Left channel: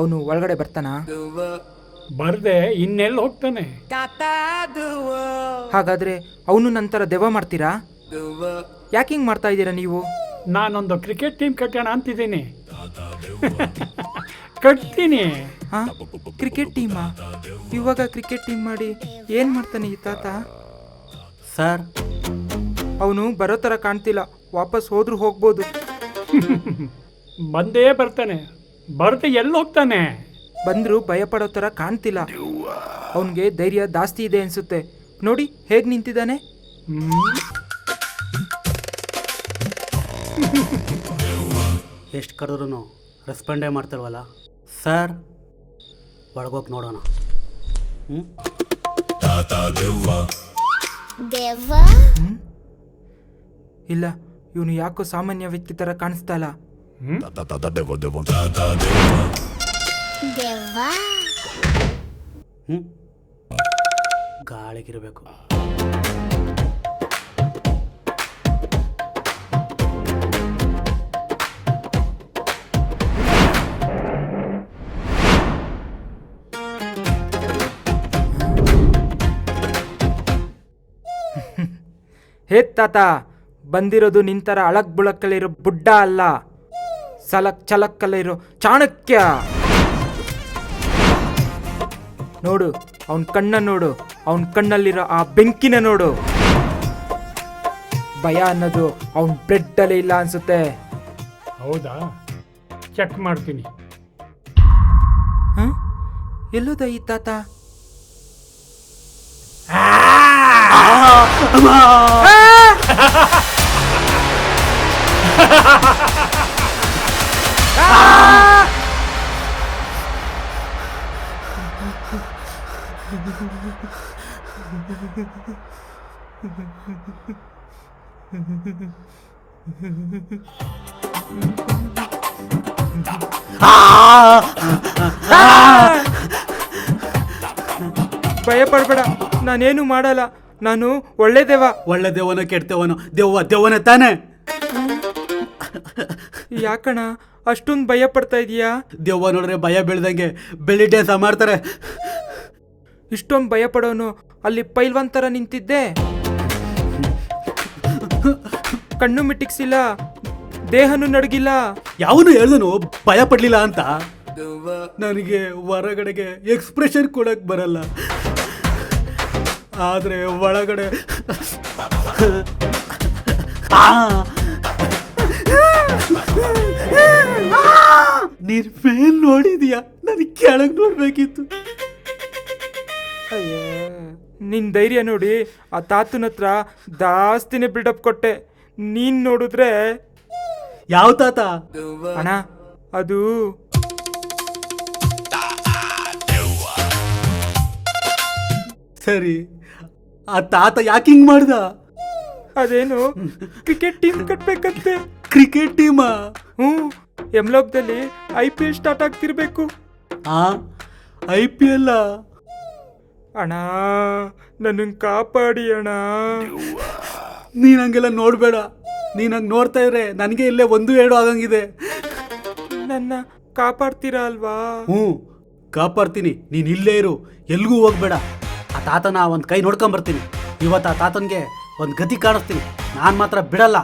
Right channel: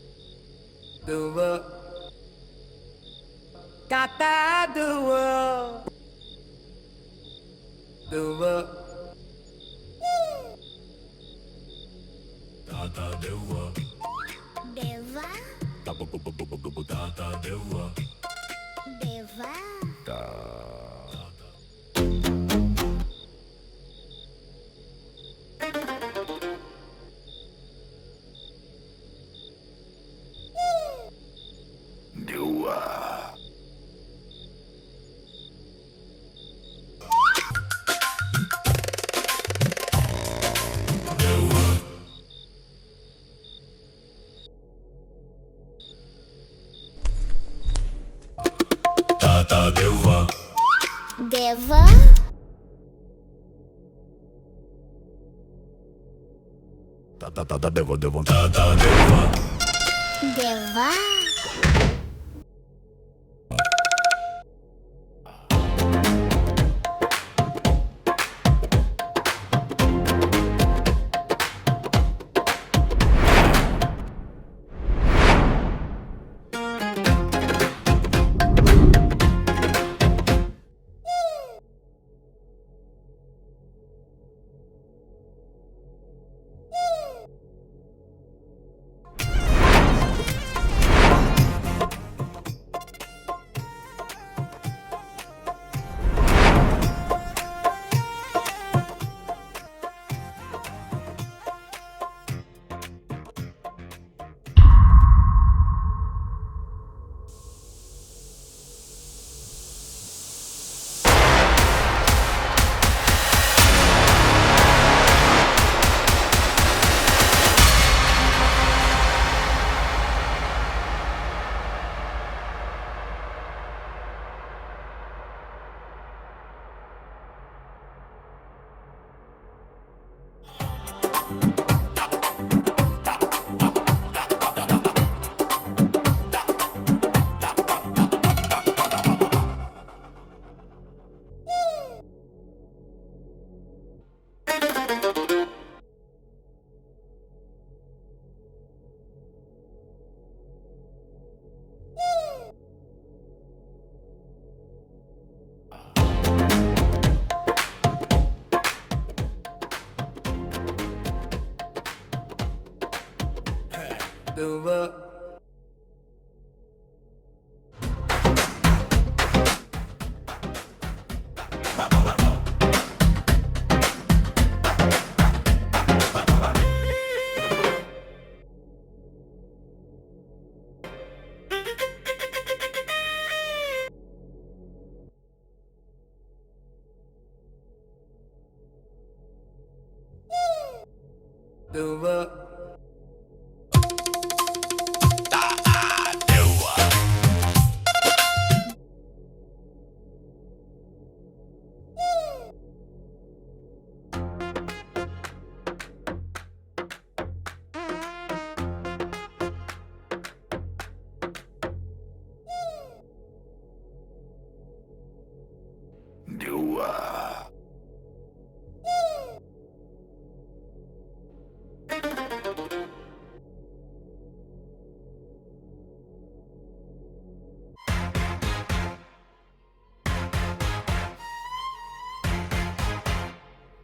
ಅವನು ಒಳಗಡೆ ಬರ್ತಾನ? ಬರ್ದೆ ಇನ್ನೆಲ್ಲಿ ಹೋಗ್ತಾನೆ? ಹಾಗಾದ್ರೆ ಅವನು ನಂತರ ದೆವ್ವ ಮಾಡ್ತೀರಾ? ಯಾಕೆ ಹಿಂಗ್ ಮಾಡ್ತಾ ಇದ್ದೀರಾ ನೀವು? ನಾನೊಂದು ಕ್ರಿಕೆಟ್ ಟೀಮ್ ಕಟ್ಟೋಣ ಅಂತಿದ್ದೀನಿ. ಕಟ್ತೀನಿ. ಕ್ರಿಕೆಟ್ ಟೀಮಾ? ಇವಾಗ ಕ್ರಿಕೆಟ್ ಟೀಮ್ ಮಾಡಿ ಏನ್ ಮಾಡ್ತಾನೆ ಈ ತಾತ? ಸರ್, ಅವನು ಬರೋ ಥರ ಕಾಣ್ತಿಲ್ಲ. ವಾಪಸ್ ಹೋದ್ರೂ ಹೋಗ್ಬೋದು. ಬಂದೇ ಬರ್ತಾನೆ. ಬರ್ದೆ ಎಲ್ಲಿ ಹೋಗ್ತಾನೆ? ಬಂದ್ರು ಭಯ ಪಡೋ ಥರ ಕಾಣ್ತಿಲ್ಲ. ಅವನಿಗೆ ಧೈರ್ಯ ಜಾಸ್ತಿ ಇದೆ ಅನ್ಸುತ್ತೆ. ನೋಡಿ ಹೇಗೆ ನಿಂತಿದ್ದಾನೆ. ಎಷ್ಟು ಕರೆದ್ರೂ ರೆಸ್ಪಾಂಡೇ ಮಾಡ್ತಿಲ್ವಲ್ಲ. ಸರ್, ಒಳಗೋಗಿ ನೋಡೋಣ. ಇಲ್ಲ, ಇವನು ಯಾಕೋ ಸಾಮಾನ್ಯ ವ್ಯಕ್ತಿ ಥರ ಕಾಣಿಸ್ತಾ ಇಲ್ಲ. ಗಾಳಿಗಿರಬೇಕು. ಹೇ ತಾತ, ಬಂದಿರೋದು ನಿಂತರ ಅಳಕ್ ಬುಳಕ್ಕಲ್ಲಿರೋ ಬುಡ್ಡ ಅಲ್ಲ, ಸಲಕ್ ಚಲಕ್ಕಲ್ಲಿರೋ ಚಾಣಕ್ಯ. ನೋಡು ಅವನ ಕಣ್ಣ ನೋಡು, ಅವನ ಕಣ್ಣಲ್ಲಿರೋ ಆ ಬೆಂಕಿನ ನೋಡು. ಭಯ ಅನ್ನೋದು ಅವನ ಬ್ಲಡ್ ಅಲ್ಲೇ ಇಲ್ಲ ಅನ್ಸುತ್ತೆ. ಹೌದಾ? ಚೆಕ್ ಮಾಡ್ತೀನಿ. ಎಲ್ಲೋದ ಈ ತಾತ? ಭಯ ಪಡ್ಬೇಡ, ನಾನೇನು ಮಾಡಲ್ಲ. ನಾನು ಒಳ್ಳೆ ದೇವ. ಒಳ್ಳೆ ದೇವನೋ ಕೆಟ್ಟವನೋ, ದೆವ್ವನೇ ತಾನೆ. ಯಾಕಣ ಅಷ್ಟೊಂದು ಭಯ ಪಡ್ತಾ ಇದೀಯಾ? ದೆವ್ವ ನೋಡ್ರೆ ಭಯ ಬೀಳ್ದಂಗೆ ಬೆಳ್ಳಿ ಡ್ಯಾನ್ಸ್ ಮಾಡ್ತಾರೆ. ಇಷ್ಟೊಂದು ಭಯ ಪಡೋನು ಅಲ್ಲಿ ಪೈಲ್ವಾನ್ ಥರ ನಿಂತಿದ್ದೆ. ಕಣ್ಣು ಮಿಟಿಕ್ಸಿಲ್ಲ, ದೇಹನೂ ನಡಗಿಲ್ಲ. ಯಾವನು ಹೇಳ್ದನು ಭಯ ಪಡ್ಲಿಲ್ಲ ಅಂತ. ನನಗೆ ಹೊರಗಡೆಗೆ ಎಕ್ಸ್ಪ್ರೆಷನ್ ಕೊಡಕ್ ಬರಲ್ಲ, ಆದ್ರೆ ಒಳಗಡೆ ನೀನ್ ಮೇಲ್ ನೋಡಿದ್ಯಾ? ನನಗೆ ಕೆಳಗ್ ನೋಡ್ಬೇಕಿತ್ತು. ನಿನ್ ಧೈರ್ಯ ನೋಡಿ ಆ ತಾತನ ಹತ್ರ ಜಾಸ್ತಿನೇ ಬಿಲ್ಡಪ್ ಕೊಟ್ಟೆ. ನೀನ್ ನೋಡಿದ್ರೆ ಯಾವ ತಾತ? ಅಣ್ಣ, ಅದು ಸರಿ, ಆ ತಾತ ಯಾಕೆ ಹಿಂಗ್ ಮಾಡ್ದ? ಅದೇನು ಕ್ರಿಕೆಟ್ ಟೀಮ್ ಕಟ್ಬೇಕಂತೆ. ಕ್ರಿಕೆಟ್ ಟೀಮಾ? ಯಮಲೋಕದಲ್ಲಿ IPL ಸ್ಟಾರ್ಟ್ ಆಗ್ತಿರ್ಬೇಕು. IPL? ಅಣ್ಣ, ನನ್ನ ಕಾಪಾಡಿ ಅಣ್ಣ. ನೀನ್ ಹಂಗೆಲ್ಲ ನೋಡ್ಬೇಡ. ನೀನ್ ಹಂಗೆ ನೋಡ್ತಾ ಇದ್ರೆ ನನಗೆ ಇಲ್ಲೇ 1-2 ಆಗಂಗಿದೆ. ನನ್ನ ಕಾಪಾಡ್ತೀರಾ ಅಲ್ವಾ? ಕಾಪಾಡ್ತೀನಿ. ನೀನ್ ಇಲ್ಲೇ ಇರು, ಎಲ್ಗೂ ಹೋಗ್ಬೇಡ. ಆ ತಾತನ ಒಂದು ಕೈ ನೋಡ್ಕೊಂಬರ್ತೀನಿ. ಇವತ್ತು ಆ ತಾತನ್ಗೆ ಒಂದು ಗತಿ ಕಾಣಿಸ್ತೀನಿ. ನಾನು ಮಾತ್ರ ಬಿಡಲ್ಲ.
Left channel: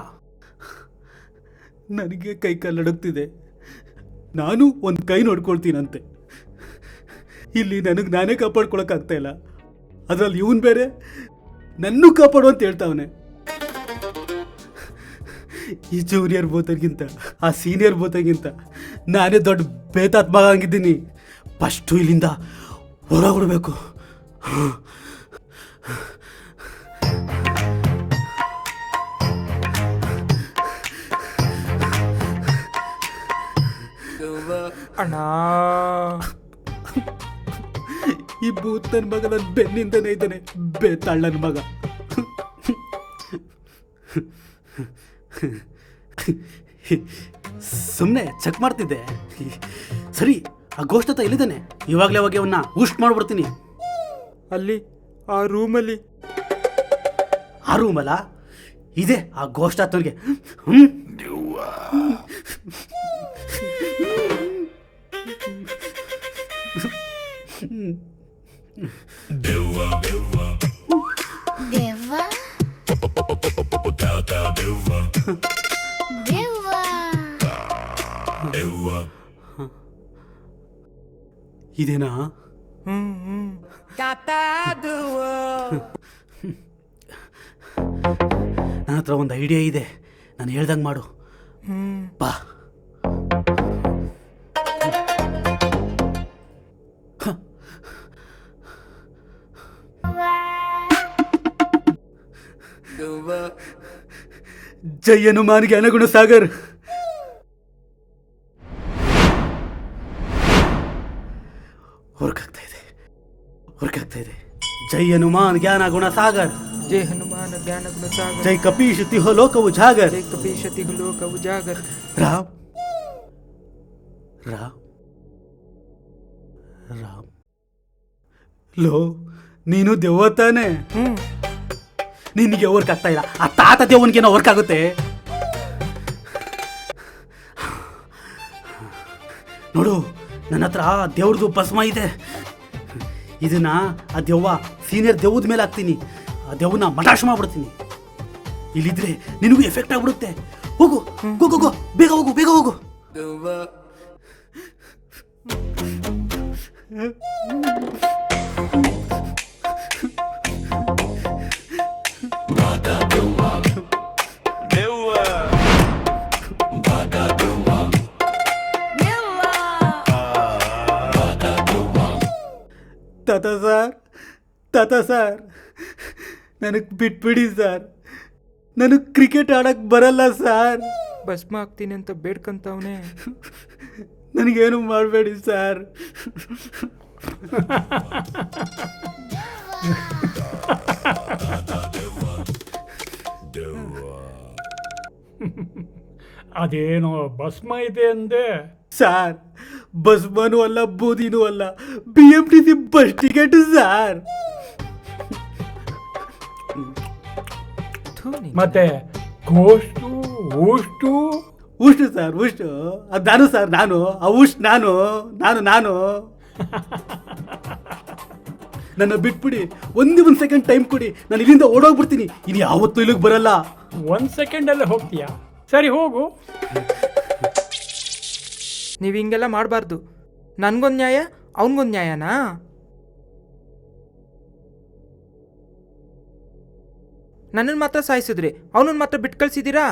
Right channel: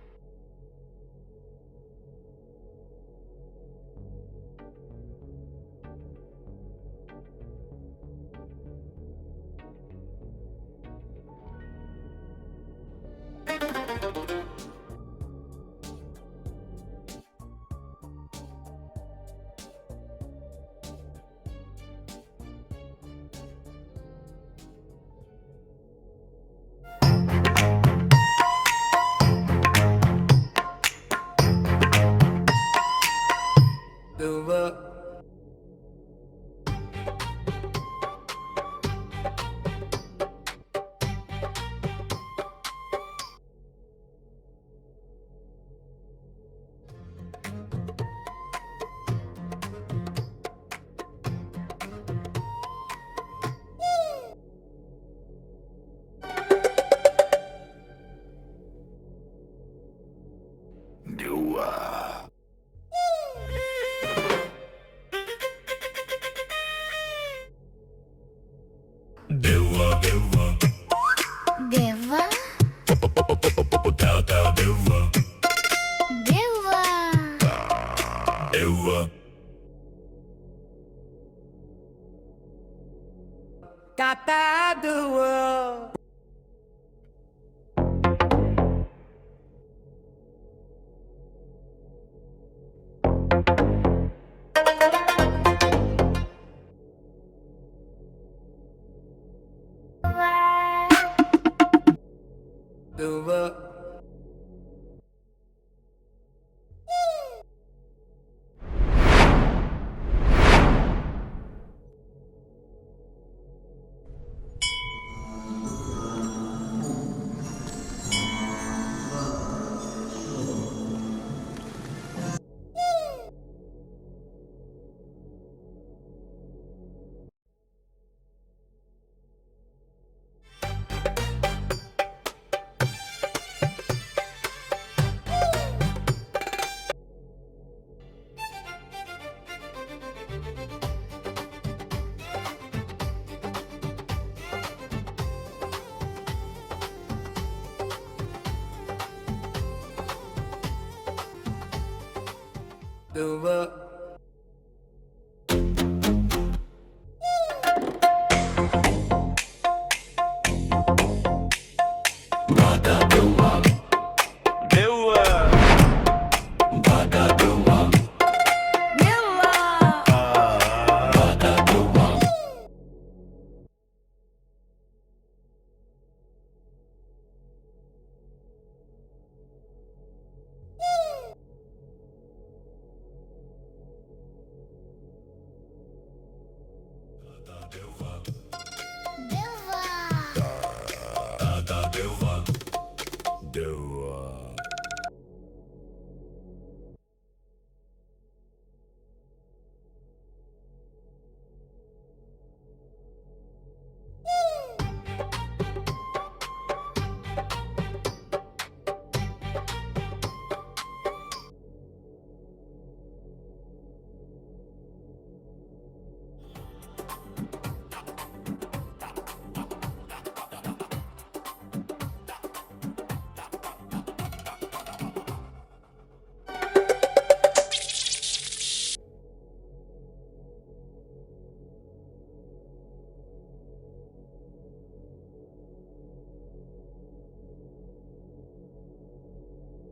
ನನಗೆ ಕೈ ಕಾಲು ನಡುಗ್ತಿದೆ. ನಾನು ಒಂದು ಕೈ ನೋಡ್ಕೊಳ್ತೀನಂತೆ. ಇಲ್ಲಿ ನನಗೆ ನಾನೇ ಕಾಪಾಡ್ಕೊಳಕ್ಕಾಗ್ತಾ ಇಲ್ಲ. ಅದರಲ್ಲಿ ಇವನು ಬೇರೆ ನನ್ನೂ ಕಾಪಾಡು ಅಂತ ಹೇಳ್ತಾವನೆ. ಈ ಜೂನಿಯರ್ ಬೋತರ್ಗಿಂತ ಆ ಸೀನಿಯರ್ ಬೋತರ್ಗಿಂತ ನಾನೇ ದೊಡ್ಡ ಬೇತಾತ್ಮ ಆಗಿದ್ದೀನಿ. ಫಸ್ಟು ಇಲ್ಲಿಂದ ಹೊರಬಿಡ್ಬೇಕು. ಅಣ್ಣ, ಈ ಭೂತನ ಮಗ ನನ್ನ ಬೆನ್ನಿಂದನೇ ಇದ್ದಾನೆ. ಬೇತಾಳನ ಮಗ. ಸುಮ್ಮನೆ ಚೆಕ್ ಮಾಡ್ತಿದ್ದೆ. ಸರಿ, ಆ ಗೋಷ್ಠತ ಎಲ್ಲಿದ್ದಾನೆ? ಇವಾಗಲೇ ಹೋಗಿ ಅವನ್ನ ಊಸ್ಟ್ ಮಾಡ್ಬಿಡ್ತೀನಿ. ಅಲ್ಲಿ ಆ ರೂಮಲ್ಲಿ. ಆ ರೂಮಲ್ಲ ಇದೆ ಆ ಗೋಷ್ಠಾತನಿಗೆ. ದೆವ್ವ ದೆವ್ವ ಇದೇನಾ? ನನ್ನ ಹತ್ರ ಒಂದು ಐಡಿಯಾ ಇದೆ, ನಾನು ಹೇಳ್ದಂಗೆ ಮಾಡು. ಬಾ. ಜೈ ಹನುಮಾನ್ ಜ್ಞಾನಗುಣ ಸಾಗರ್. ವರ್ಕ್ ಆಗ್ತಾ ಇದೆ. ಜೈ ಹನುಮಾನ್ ಜ್ಞಾನ ಗುಣ ಸಾಗರ್. ಜೈ ಹನುಮಾನ ಜ್ಞಾನ ಗುಣ ಸಾಗರ. ಜೈ ಕಪೀಶ್ ತಿಹೋ ಲೋಕ ಉಜಾಗರ್. ಜೈ ಕಪೀಶ ತಿಹೋ ಲೋಕ ಉಜಾಗರ್. ರಾಮ್ ಲೋ, ನೀನು ದೆವ್ವ ತಾನೆ? ನಿನಗೆ ವರ್ಕ್ ಆಗ್ತಾ ಇಲ್ಲ, ಆ ತಾತ ದೇವನಿಗೇನೋ ವರ್ಕ್ ಆಗುತ್ತೆ. ನೋಡು, ನನ್ನ ಹತ್ರ ದೇವ್ರದ್ದು ಭಸ್ಮ ಇದೆ. ಇದನ್ನ ಆ ದೆವ್ವ ಸೀನಿಯರ್ ದೆವ್ವದ ಮೇಲೆ ಹಾಕ್ತೀನಿ. ಆ ದೆವ್ವನ ಮಟಾಶ್ ಮಾಡ್ಬಿಡ್ತೀನಿ. ಇಲ್ಲಿದ್ರೆ ನಿನಗೂ ಎಫೆಕ್ಟ್ ಆಗ್ಬಿಡುತ್ತೆ. ಹೋಗು, ಬೇಗ ಹೋಗು. ತಾತ ಸರ್, ನನಗೆ ಬಿಟ್ಬಿಡಿ ಸರ್. ನನಗೆ ಕ್ರಿಕೆಟ್ ಆಡಕ್ಕೆ ಬರಲ್ಲ ಸರ್. ಭಸ್ಮ ಆಗ್ತೀನಿ ಅಂತ ಬೇಡ್ಕಂತವನೇ. ನನಗೇನು ಮಾಡಬೇಡಿ ಸರ್. ಅದೇನೋ ಭಸ್ಮ ಇದೆ ಅಂದೆ. ಸರ್, ಭಸ್ಮನೂ ಅಲ್ಲ, ಬೂದಿನೂ ಅಲ್ಲ, BMTC ಬಸ್ ಟಿಕೆಟ್ ಸರ್. ಮತ್ತೆ ಗೋಷ್ಟು ಊಷ್ಟು ಉಷ್ಟು ಸರ್, ಉಷ್ಟು ಅದು ನಾನು ಸರ್. ನಾನು ಆ ಉಷ್ಟು ನಾನು. ನನ್ನ ಬಿಟ್ಬಿಡಿ. ಒಂದೇ ಒಂದು ಸೆಕೆಂಡ್ ಟೈಮ್ ಕೊಡಿ, ನಾನು ಇಲ್ಲಿಂದ ಓಡೋಗ್ಬಿಡ್ತೀನಿ. ಇನ್ನು ಯಾವತ್ತೂ ಇಲ್ಲಿಗೆ ಬರಲ್ಲ. 1 ಸೆಕೆಂಡಲ್ಲೇ ಹೋಗ್ತೀಯಾ? ಸರಿ, ಹೋಗು. ನೀವು ಹಿಂಗೆಲ್ಲ ಮಾಡಬಾರ್ದು. ನನಗೊಂದು ನ್ಯಾಯ, ಅವನಿಗೊಂದು ನ್ಯಾಯನಾ? ನನ್ನನ್ನು ಮಾತ್ರ ಸಾಯಿಸಿದ್ರಿ, ಅವನನ್ನು ಮಾತ್ರ ಬಿಟ್ಟು ಕಳಿಸಿದ್ದೀರಾ?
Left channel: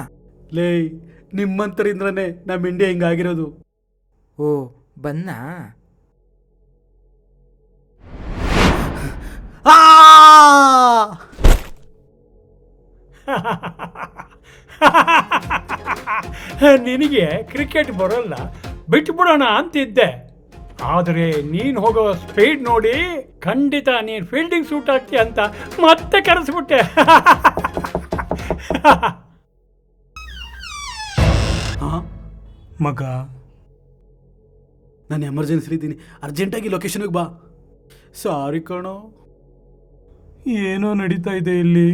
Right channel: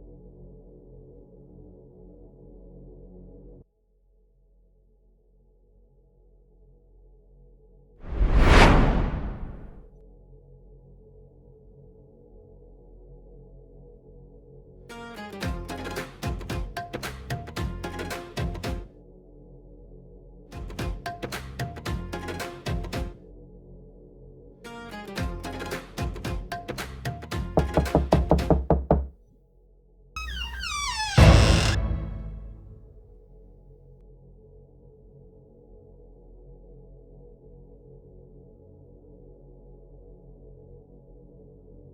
ಲೇ, ನಿಮ್ಮಂತರಿಂದ್ರನೇ ನಮ್ಮ ಇಂಡಿಯಾ ಹಿಂಗಾಗಿರೋದು. ಓ, ಬನ್ನಾ? ನಿನಗೆ ಕ್ರಿಕೆಟ್ ಬರೋಲ್ಲ, ಬಿಟ್ಬಿಡೋಣ ಅಂತಿದ್ದೆ. ಆದರೆ ನೀನು ಹೋಗೋ ಸ್ಪೀಡ್ ನೋಡಿ ಖಂಡಿತ ನೀನು ಫೀಲ್ಡಿಂಗ್ ಸೂಟ್ ಆಗ್ತೀಯ ಅಂತ ಮತ್ತೆ ಕರೆಸ್ಬಿಟ್ಟೆ. ಮಗ, ನಾನು ಎಮರ್ಜೆನ್ಸಿ ಇದ್ದೀನಿ, ಅರ್ಜೆಂಟಾಗಿ ಲೊಕೇಶನ್ಗೆ ಬಾ. ಸಾರಿ ಕಣೋ, ಏನೋ ನಡೀತಾ ಇದೆ ಇಲ್ಲಿ.